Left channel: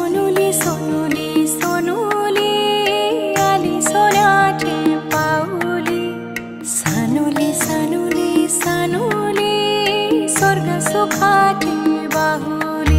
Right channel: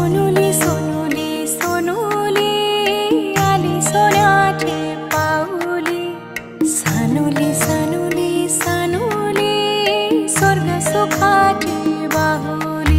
सोनुली सोनुली सोनुली आली सोन्याची पाऊली। सानुली सानुली सानुली स्वर्ग सुखाची बाहुली।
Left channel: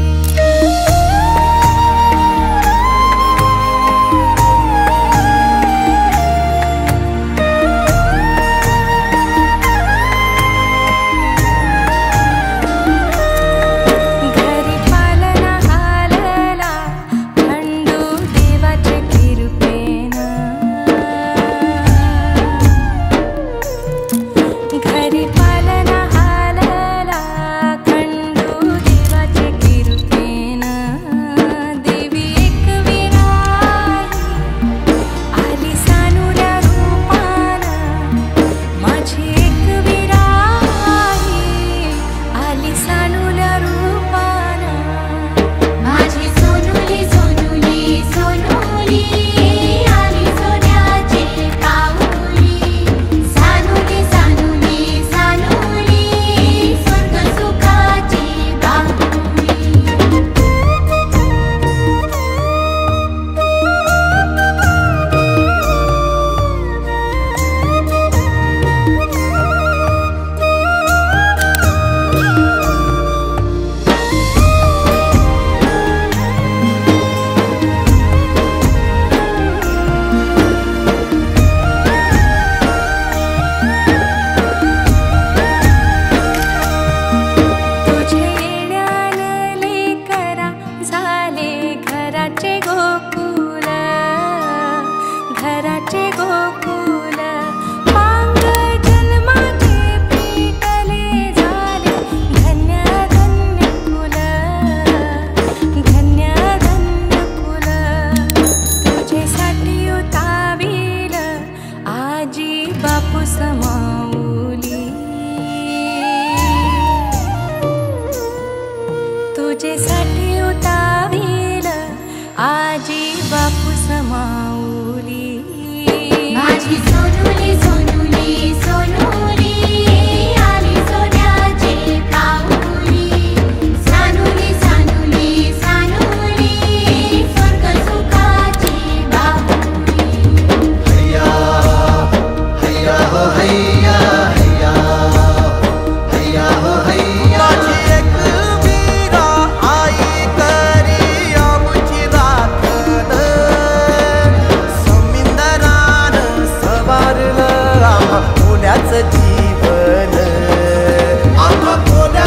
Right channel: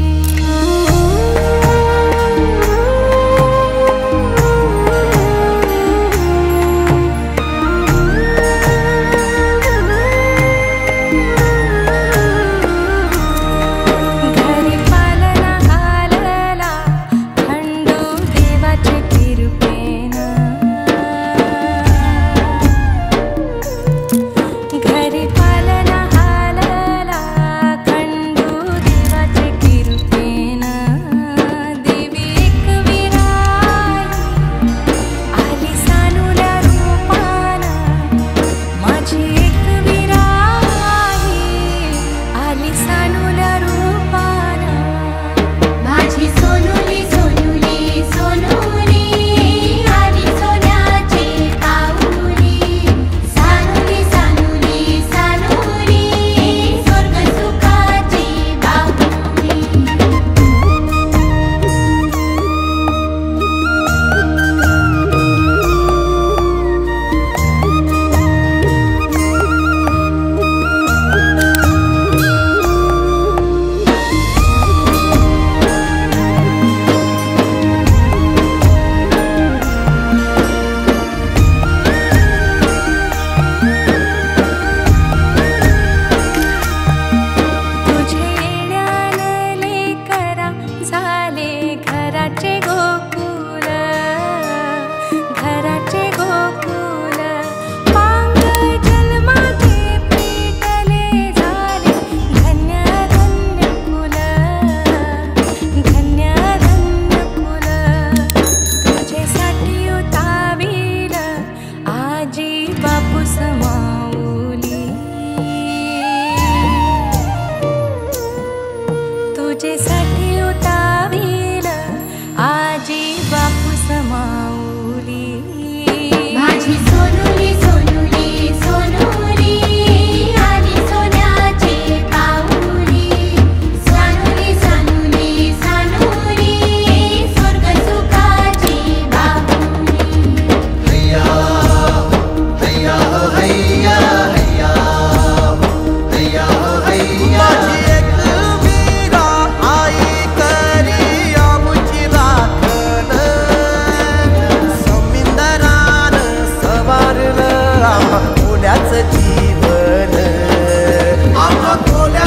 घराचे गोकुल घराचे गोकुल पांग जन्माचे पेटले झाले धन्य धन्य कुल धन्य धन्य कुल। तुझेसाठी उतावील आजी बापू समाऊली। तुझेसाठी उतावील आजी बापू समाऊली। माझी सोनुली सोनुली सोनुली आली सोन्याची पाऊली। सानुली सानुली सानुली स्वर्ग सुखाची बाहुली। हैया हैया हो हैया हैया हैया हो हैया। माझी एक वीरा आई करी आमुची राखण। समिंदरान सवारलं आम्हा कोल्याचं जीवन। आम्हा कोल्या